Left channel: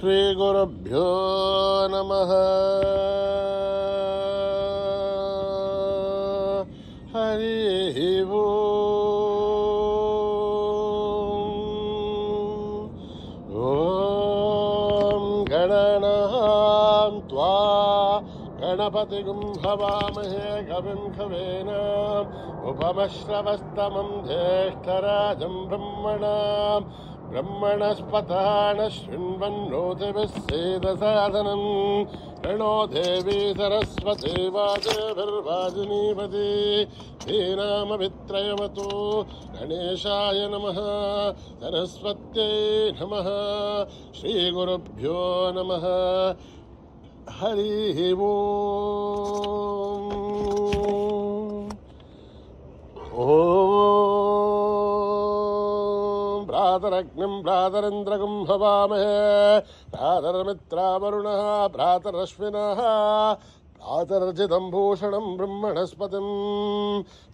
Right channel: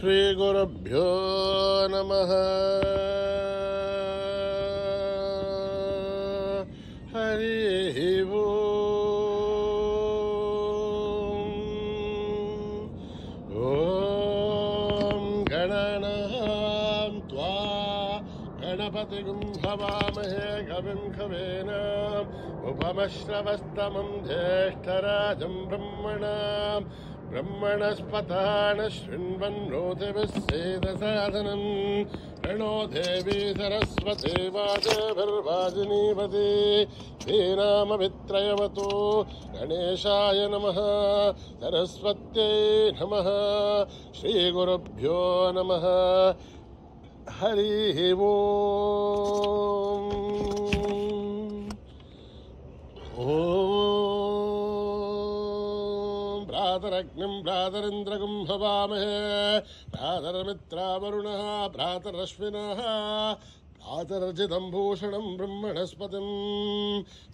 श्रीगुरुभ्यो नमः। हरिः ओम्। गणनां त्वा गणपतिगुं हवामहे कविं कवीनाम् उपमश्रवस्तमं ज्येष्ठराजं ब्रह्मणस्पतान शृण्वन्नोतिभिः सेदसादनम् प्रणो देवी सरस्वती वाजभिर्वाजिनीवती धीनामभित्रयवतु गणेशाय नमः सरस्वत्यै नमः श्रीगुरुभ्यो नमः। हरिः ओम्। भ्रातरग्निं भ्रातरिन्द्रगुं हवामहे भ्रातरमित्रावरुणः भ्रातरश्विनः भ्रातर्जितं भूषणं ब्रह्मणस्पतिं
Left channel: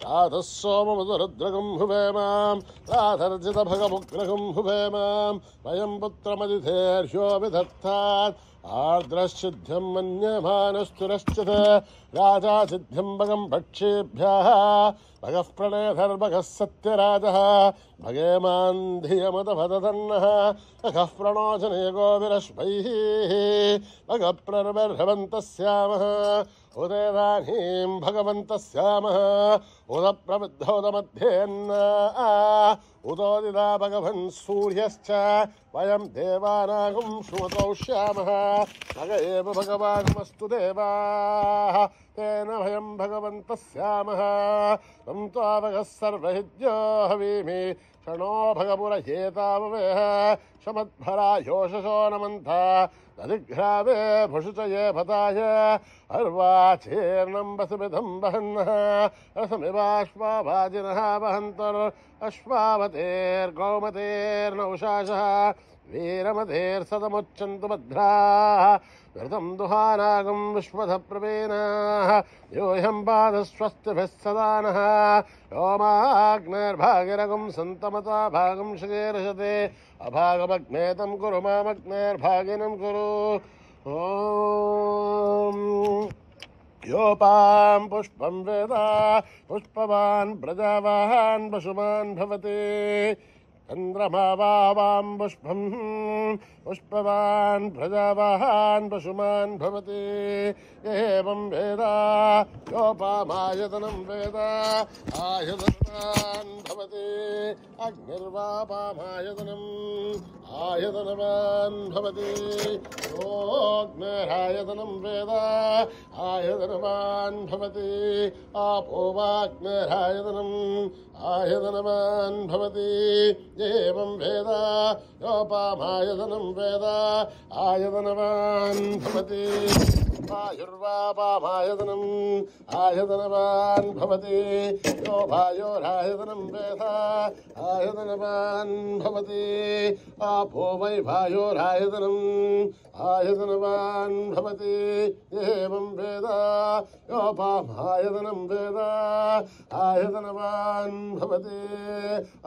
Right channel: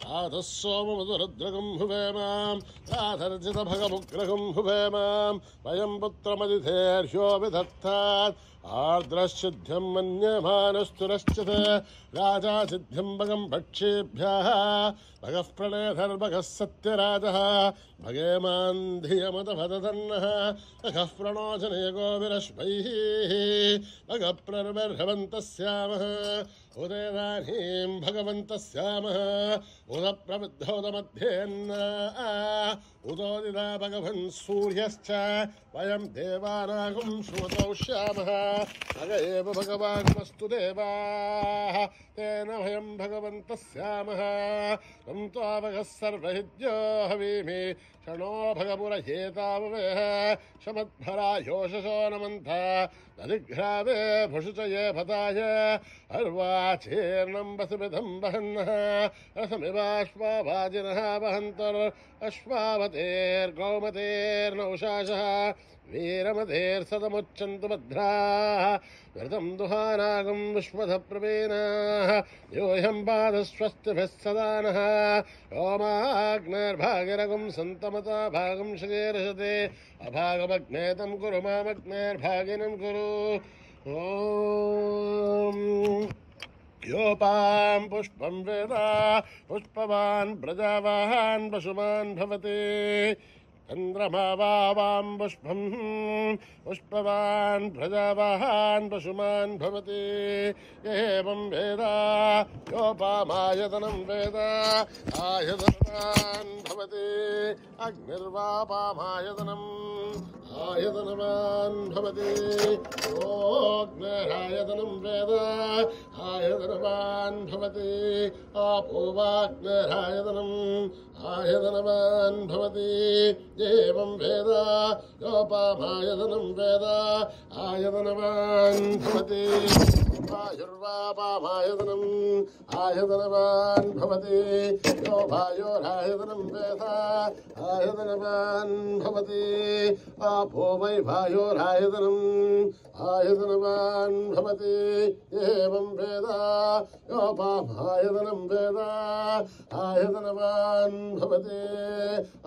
भ्रातः सोममधुरुद्रगं हुवेमां भ्रातर्जितभगमुग्रगं हुवेमां वयं पुत्रमदिथेर्ह्यो विधत्तात् आर्द्रश्चिद्ध्यं मन्यमानस्तुरश्चित् राजा सिद्ध्यं भगं भक्षेभ्यः भगः प्रणयधर्भगः सत्यराजः भगेमान् धियमतभदधन्नः भगः प्रणोचनयगो विरश्मैः भगः प्रर्वर्हवन्तः स्यामः उदेदानीं भगवन्तः स्यामः उदप्रबुद्धोदमध्येन्न उदोदिता भगवन् सूर्यश्च वयं देवानागुं श्रुमतौ श्यामः भग एव भगवानुमस्तु देवाः तेन वयं भगवन्तः स्यामः तं त्वावगः सर्वहिद्यो हवीमि क्षणो भगपुरहेताववेह शमद्भरा योषसो नमन्था दधिघ्रावे भुषुचये भताय अर्वाचीर्णं वसुमिधं वहन्नः रसमिवाश्वाभाजिनः वहन्तर्अश्वावतेर्गौमतेर्नौषासः वीरमतेर्सदमुच्चन्तु भद्राः घृतं दुहानागं विश्वधप्रवीणाः यूयं पादस्वस्तिभिः सदा नः योमाग्नेर्भागिरगं सन्तमता भागं शकेर्षते अभागमग्नेतं कुरु मामग्नेर्भागिनं कुरु। ॐ योपां पुष्पं वेद पुष्पवान् प्रजावान् पशुमान् भवति चन्द्रमा वां पुष्पं पुष्पवान् प्रजावान् पशुमान् भवति एवं वेद योपामायतनं वेद आयतनवान् भवति अग्निर्वापामायतनम् आयतनवान् भवति ओऽग्निरायतनं वेद आयतनवान् भवति आपो वाग्निरायतनम् आयतनवान् भवति एवं वेद योपामायतनं वेद आयतनवान् भवति आयुर्वापामायतनम् आयतनवान् भवति यो भायोरायतनं वेद आयतनवान् भवति आपो वै भायोरायतनम् आयतनवान् भवति एवं वेद योपामायतनं वेद आयतनवान् भवति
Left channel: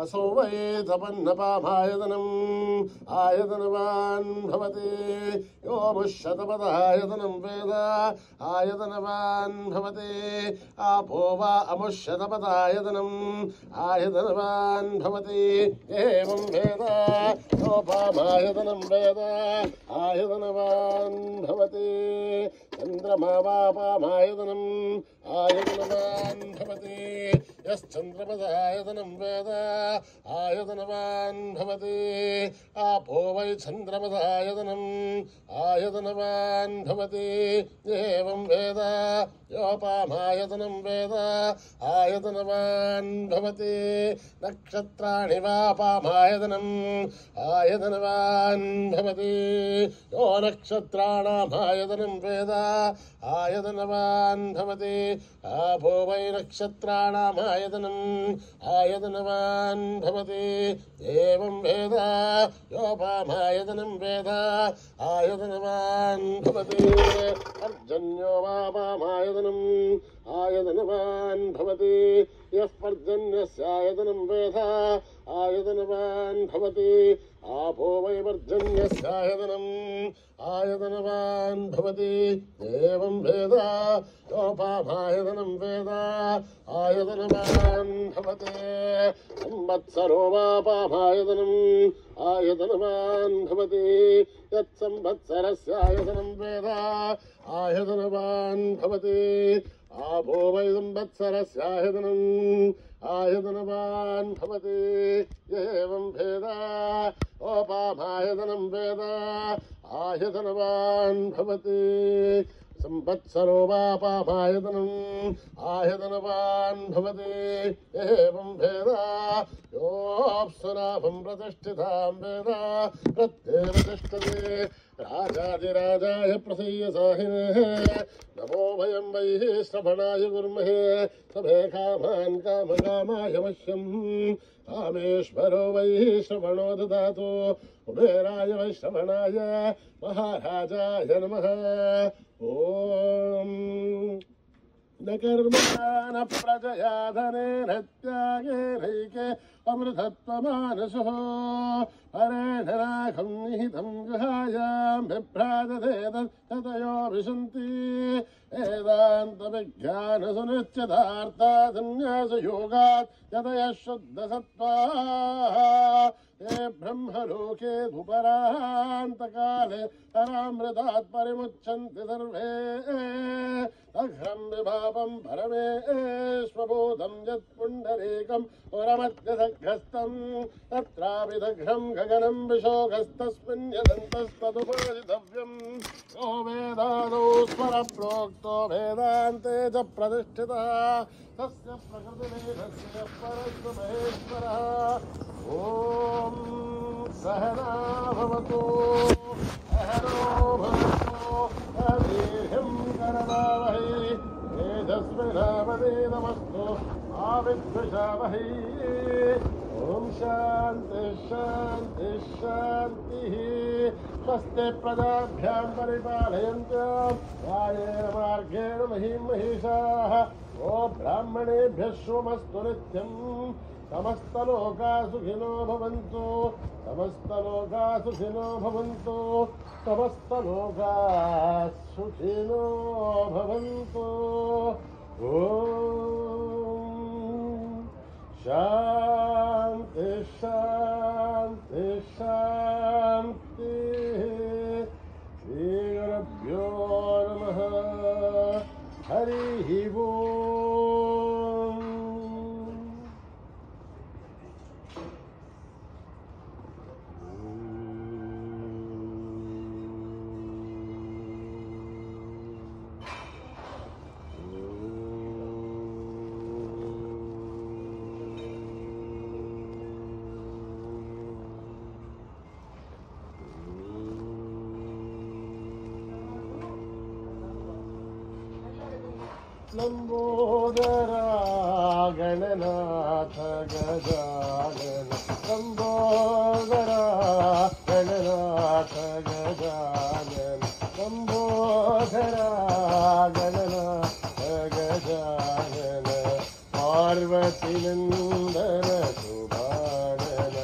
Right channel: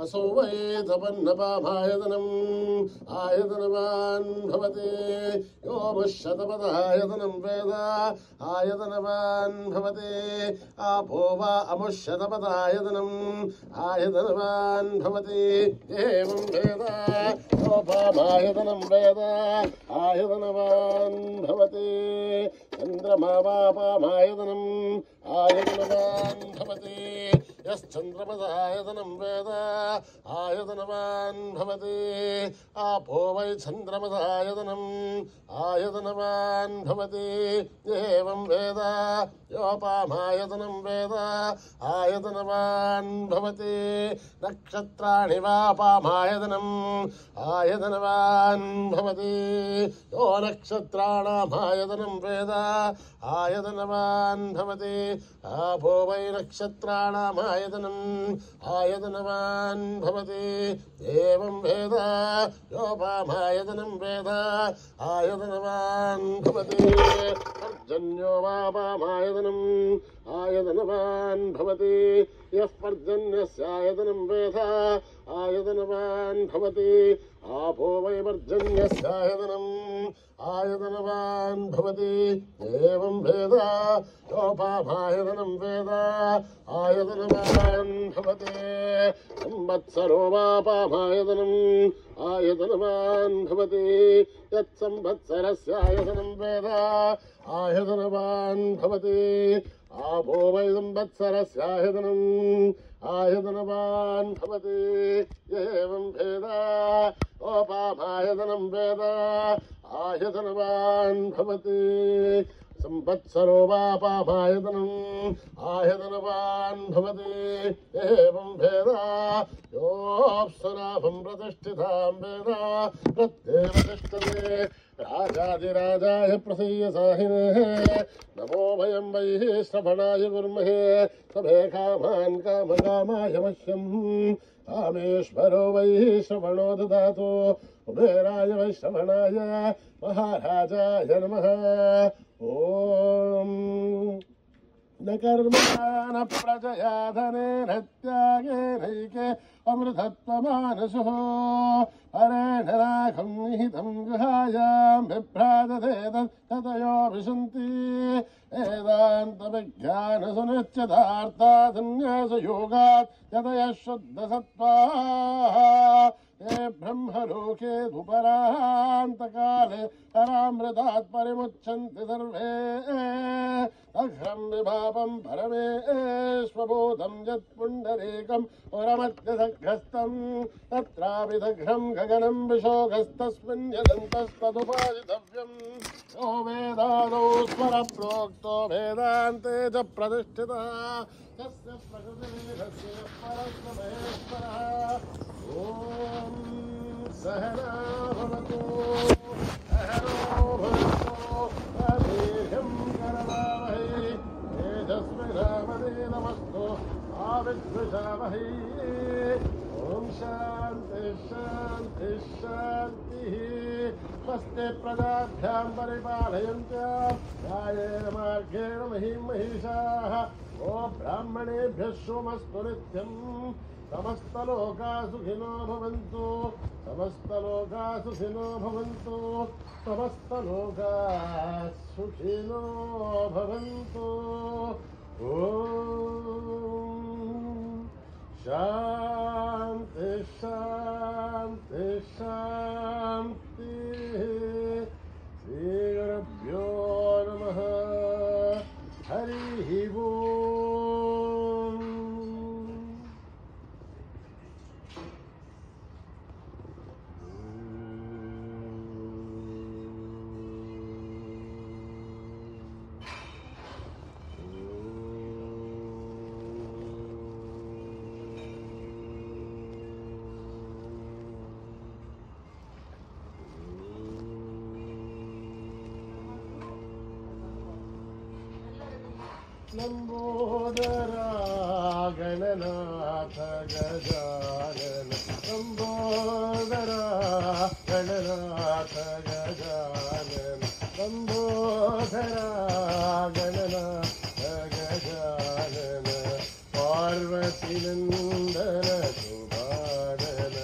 असौ वै तपन्नपामायतनम् आयतनवान् भवति योमुष्यतपदायतनं वेद आयतनवान् भवति आपो वा अमुष्यतपदायतनम् आयतनवान् भवति एवं वेद योपामायतनं वेद आयतनवान् भवति चन्द्रमा वापामायतनम् आयतनवान् भवति यश्चन्द्रमदायतनं वेद आयतनवान् भवति आपो वै चन्द्रमदायतनम् आयतनवान् भवति एवं वेद योपामायतनं वेद आयतनवान् भवति नक्षत्राणि वापामायतनम् आयतनवान् भवति यो नक्षत्राणामायतनं वेद आयतनवान् भवति आपो वै नक्षत्राणामायतनम् आयतनवान् भवति एवं वेद योपामायतनं वेद आयतनवान् भवति पर्जन्यो वापामायतनम् आयतनवान् भवति यः पर्जन्यस्यायतनं वेद आयतनवान् भवति आपो वै पर्जन्यस्यायतनम् आयतनवान् भवति एवं वेद योपामायतनं वेद आयतनवान् भवति संवत्सरो वापामायतनम् आयतनवान् भवति यत्संवत्सरस्यायतनं वेद आयतनवान् भवति आपो वै संवत्सरस्यायतनम् आयतनवान् भवति एवं वेद ओपामायतनं वेद आयतनवान् भवति संवत्सरो वापामायतनम् आयतनवान् भवति एवं वेद योऽप्सुनाभं प्रतिष्ठितां वेद प्रत्येव तिष्ठते राजाधिराजाय प्रसीयसाहिने नमो वयं वै श्रवणाय कुर्महे सभे कामान् कामकामाय मह्यम् कामेश्वरो वै श्रवणो ददातु कुबेराय वै श्रवणाय महाराजाय नमः ॐ न कर्मणा न प्रजया धनेन त्यागेनैके अमृतत्वमानसो हरेण राघं निहितं गुहायां बिभ्राजते ततयो विशन्ति वेदान्तविज्ञानसुनिश्चितार्था सन्न्यासयोगात् यतयः शुद्धसत्त्वाः ते ब्रह्मलोके धुपरान्तकाले परामृतात् परिमुच्यन्ति सर्वे अघ्रं विभापं परमेश्वभूतं यत्पुण्डरीकं पुरमत्यसघ्रस्तं तत्रापि दघ्रं गगनं विशोकस्तस्मिन् यदन्तस्तदुपादितव्यम् यो वेदादौ स्वरप्रोक्तो वेदान्ते च प्रतिष्ठितः तस्य प्रकृतिर्यस्य परस्य महेश्वरः ॐ सहना भवतु सहनो भवतु अभीर्यं करवावहै तेजस्विनावदेनमस्तु आविद्विषावहै ॐ शान्ति शान्ति शान्तिः स्वस्ति प्रजाभ्यां परिपालयन्त्यां न्यायेन मार्गेण महीं महिषाः ओ ब्राह्मणेभ्यः शुभमस्तु नित्यम् समस्तलोका सुखिनो भवन्तु समस्तलोका सुखिनो भवन्तु समस्तलोका सुखिनो भवन्तु ॐ शान्ति शान्ति शान्तिः श्रीगुरुभ्यो नमः हरिः ओम् लंबोदरा गणनाथ गजानन लंबोदरा गणनाथ गजानन लंबोदरा गणनाथ गजानन पार्वती नंदन सुभानन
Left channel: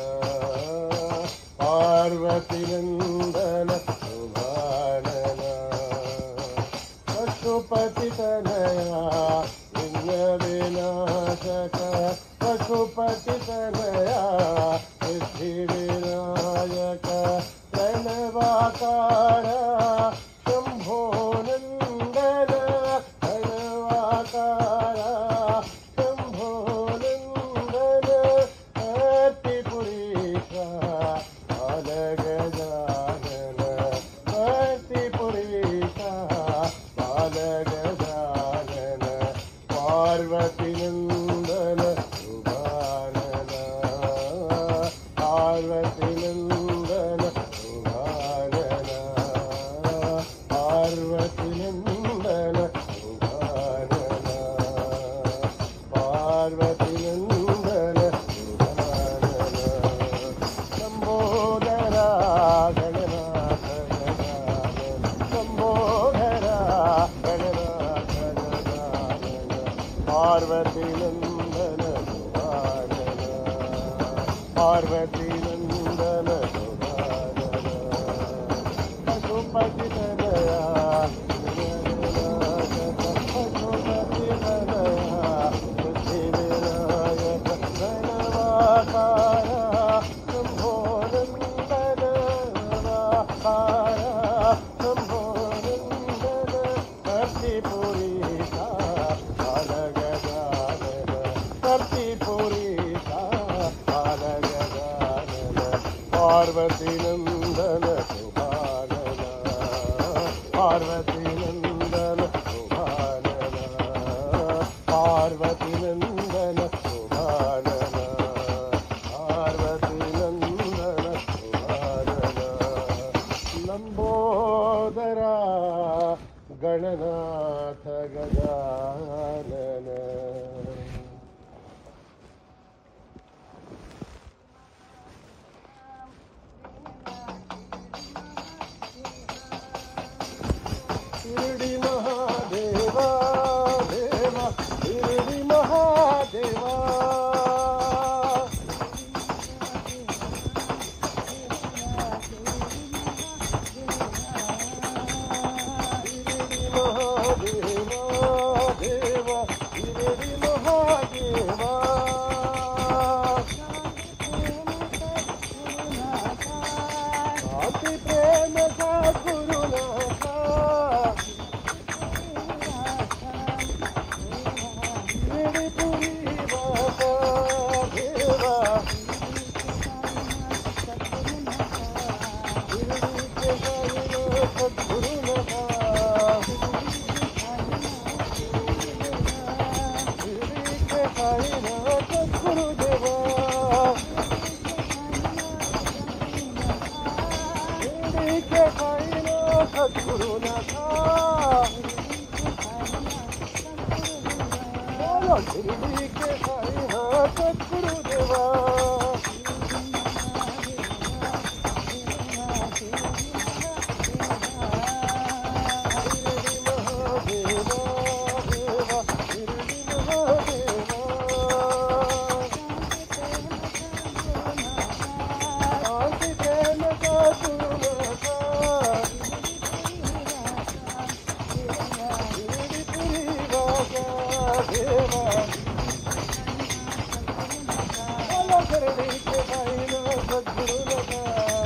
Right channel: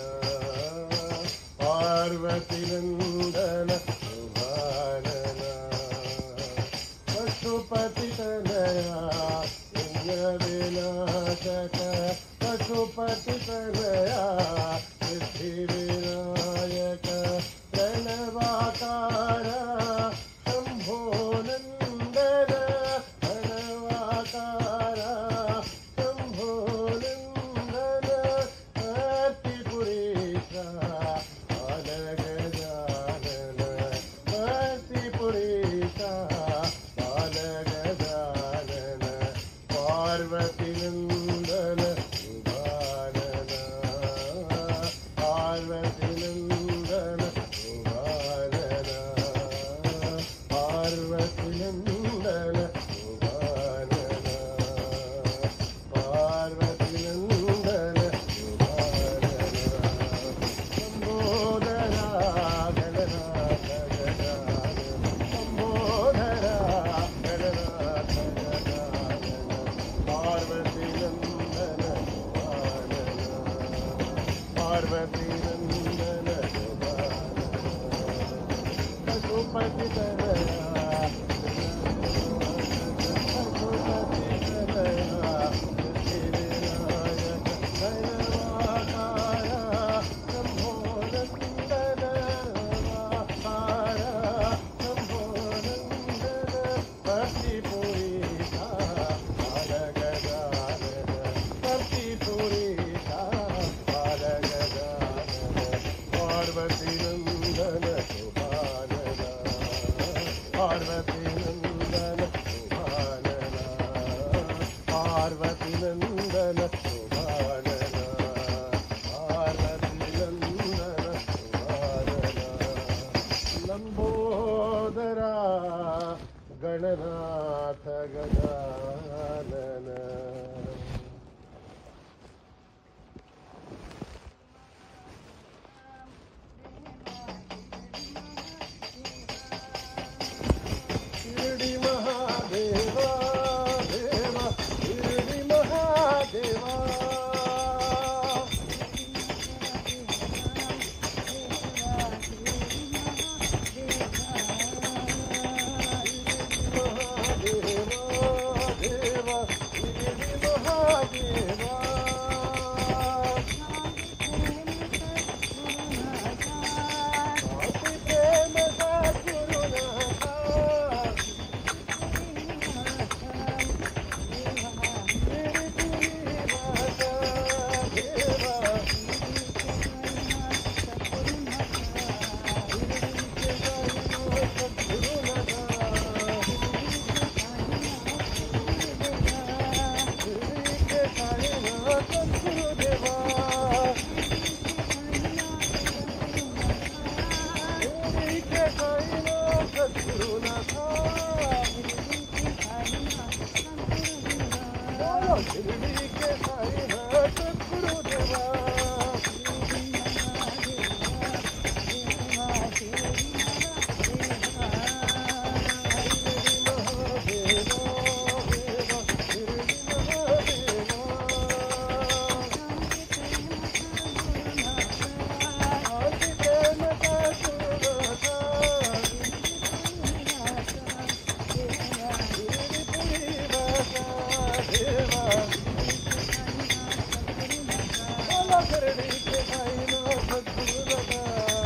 पार्वती नंदन सुभानन पशुपति तनया विनाशक पशुपति तनया सिद्धि विनायक प्रणवाकार शंभो नंदन प्रणवाकार शंभो नंदन भक्तिपुरीशा बाल गजानन भक्तिपुरीशा गजानन पार्वती नंदन सुभानन पार्वती नंदन सुभानन पार्वती नंदन सुभानन पार्वती नंदन सुभानन शंभोधरा गणनाथ गजानन शंभोधरा गणनाथ गजानन पार्वती नंदन सुभानन पार्वती नंदन सुभानन पशुपति तनया पशुपति तनया बुद्धिविनायक गणवाकारा शंभो नंदन वाकारा शंभो नंदन कर्तिपुरीशा बालगजानन कर्तिपुरीशा बालगजानन पार्वती नंदन सुभानन पार्वती नंदन सुभानन पार्वती नंदन सुभानन पार्वती नंदन सुभानन लंबोदरा गणनाथ गजानन शिरडी महादेवा देवा शिरडी महादेवा देवा शिरडी महादेवा अति प्रेम का गुरुनाथा शिरडी पुरी बाबा देवा शिरडी के सद्गुरुनाथा गुरुदेवा शिरडी के साईनाथ सद्गुरुनाथा शिरडी के साईनाथ सद्गुरुदेवा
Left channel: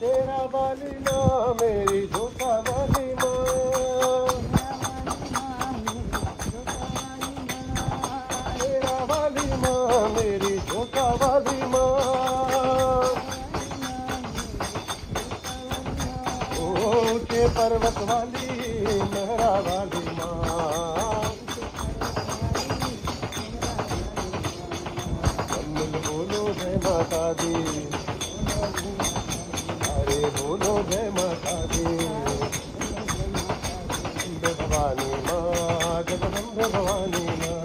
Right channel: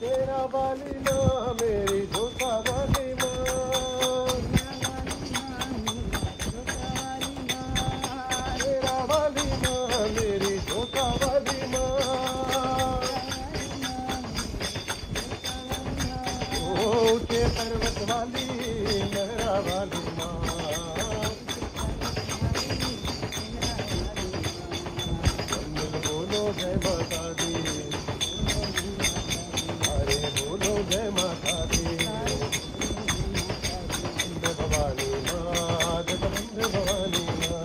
तेरा वाली माँ मेरी धोखा वाली माँ तेरा वाली माँ मेरी धोखा वाली माँ ऊंचे पर्वत वाली लहरा वाली माँ बोलो जय माता दी अरे बोलो जय माता दी भवानी माँ जगदम्बे भवानी माँ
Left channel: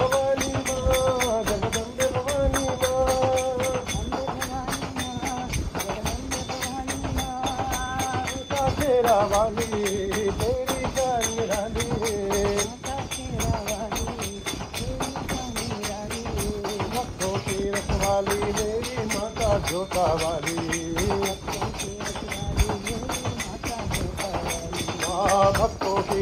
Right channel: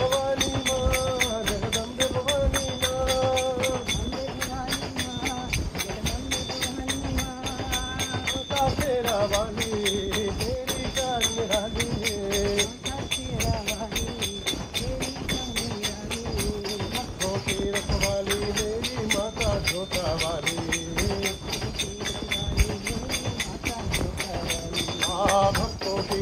भवानी माँ जगदम्बे भवानी माँ तेरा वाली तेरी जान निराली रखवाली मेरी माता जोता वाली भक्तों की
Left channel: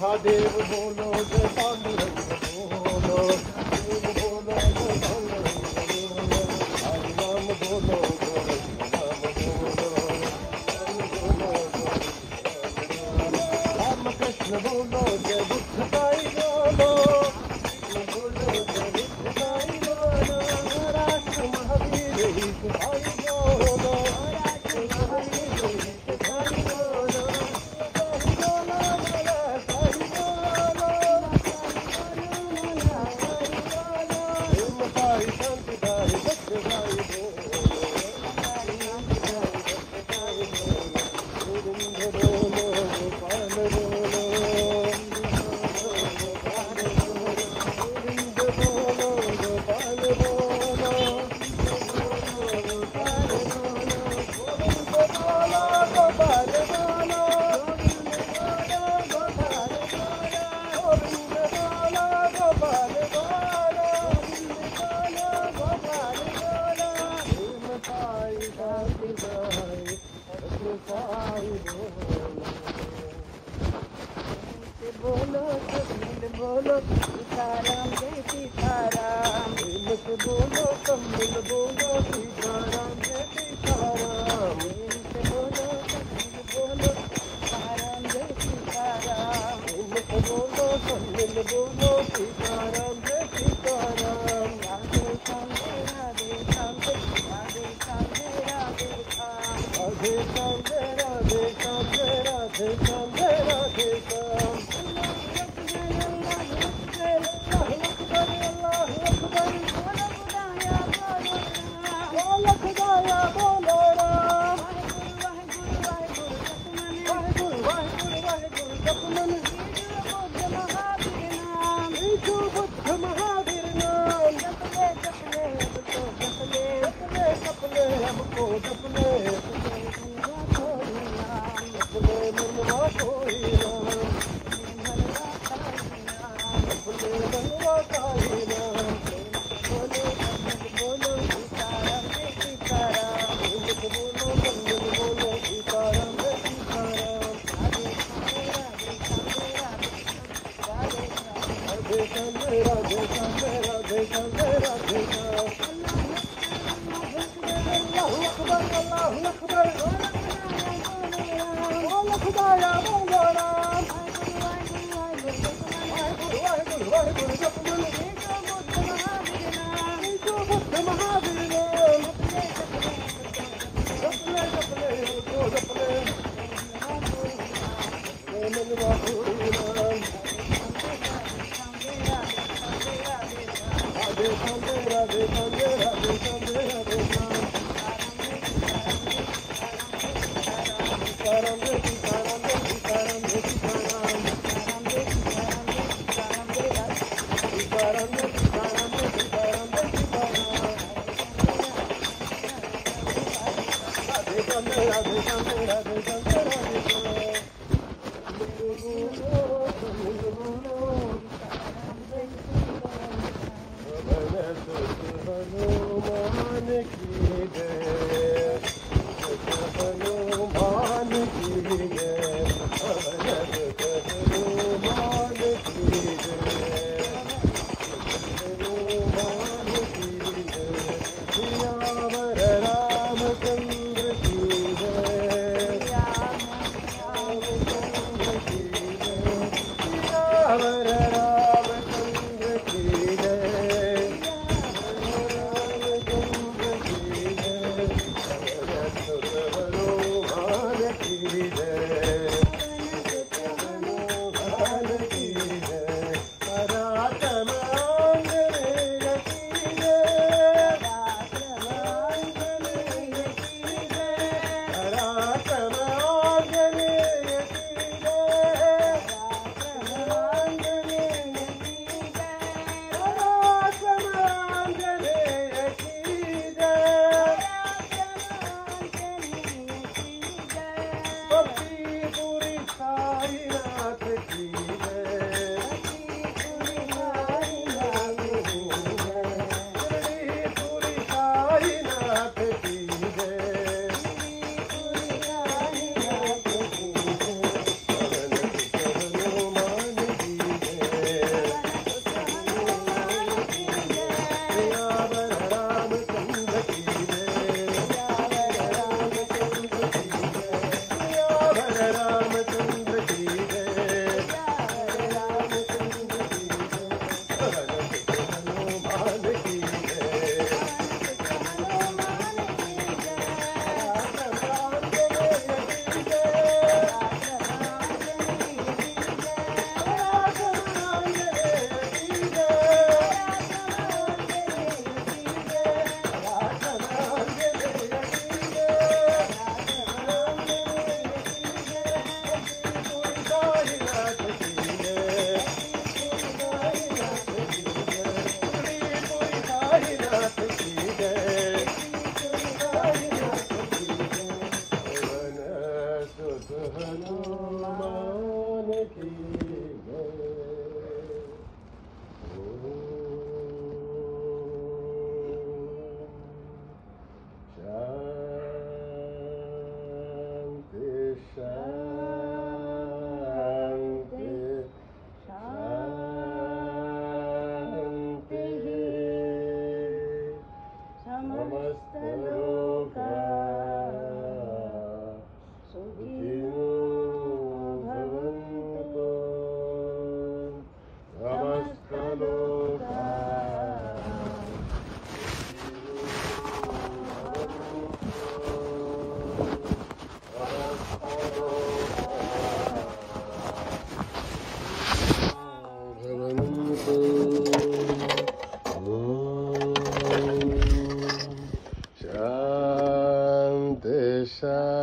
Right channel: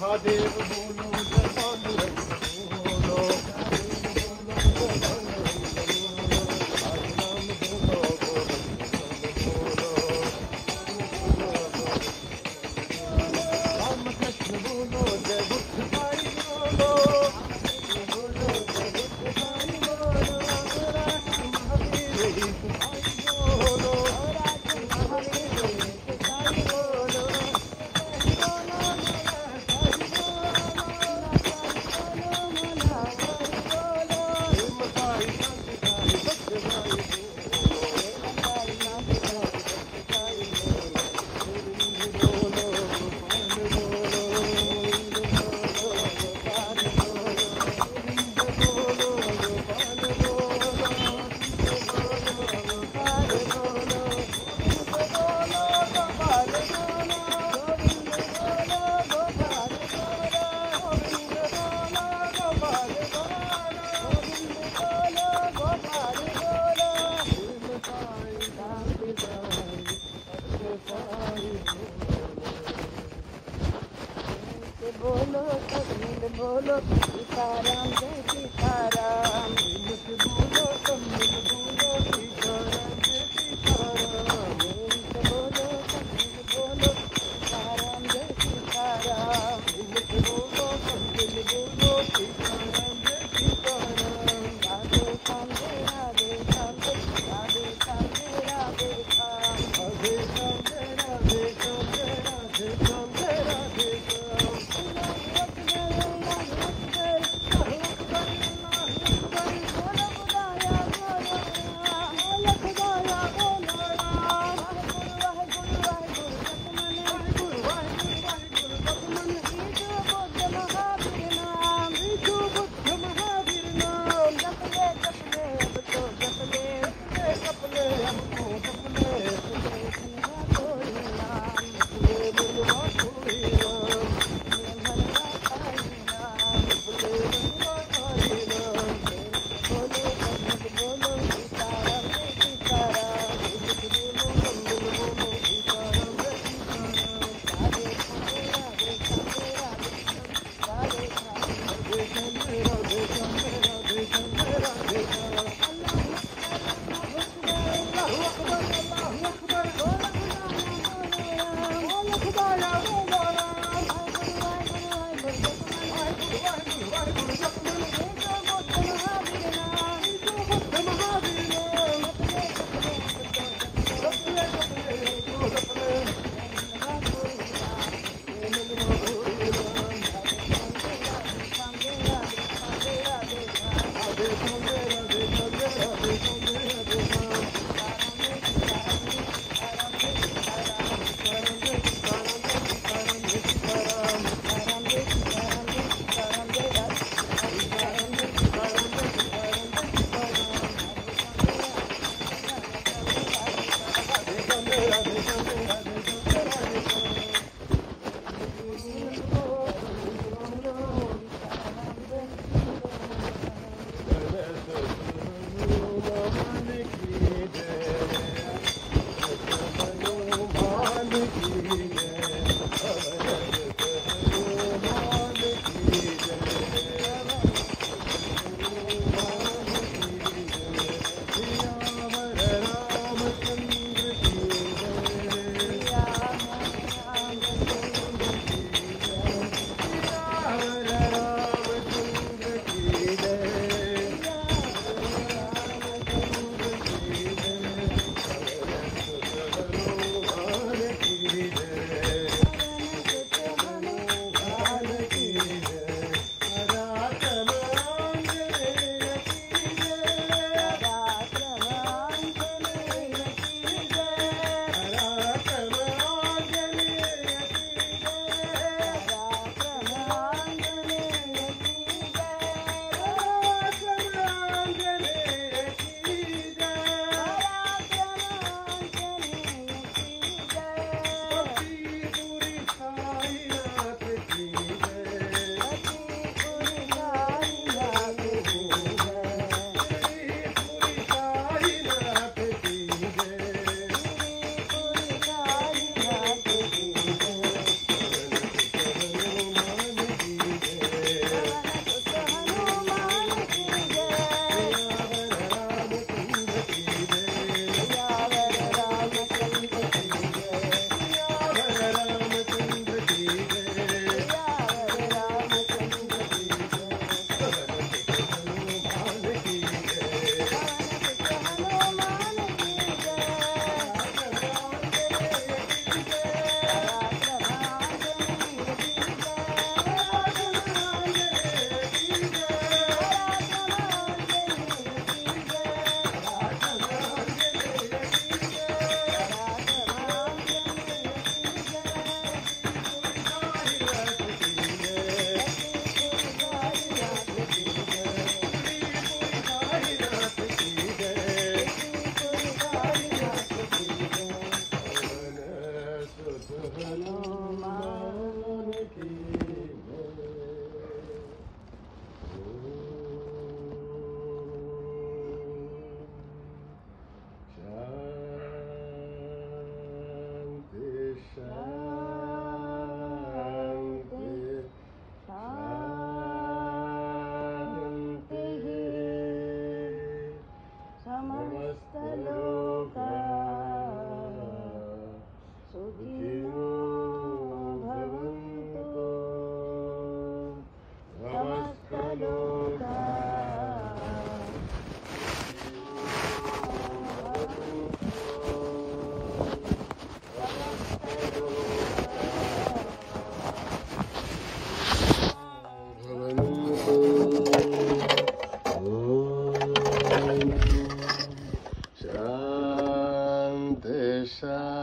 महादेव बोलो जय पांडुरंग बोलो, देव बोलो जय पांडुरंग बोलो, हरि नाम बोलो गोविंद नाम बोलो, राम कृष्ण बोलो जय बुद्ध साई बोलो, बोलो जय बुद्ध साई बोलो, राष्ट्र महावीर ही साई बोलो, बोलो बोलो सीताराम जय सीताराम। से बोलो सब मिल बोलो सीताराम जय सीताराम मिल से बोलो सब मिल बोलो सीताराम जय सीताराम राधे श्याम जय राधे श्याम जय राधे श्याम जय राधे श्याम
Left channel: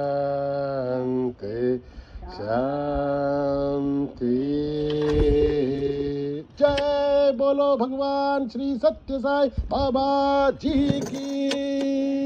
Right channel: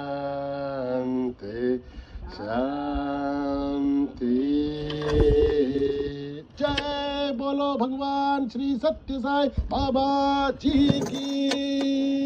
शांति शांति। जय बोलो भगवान श्री सत्य साई बाबा जी की।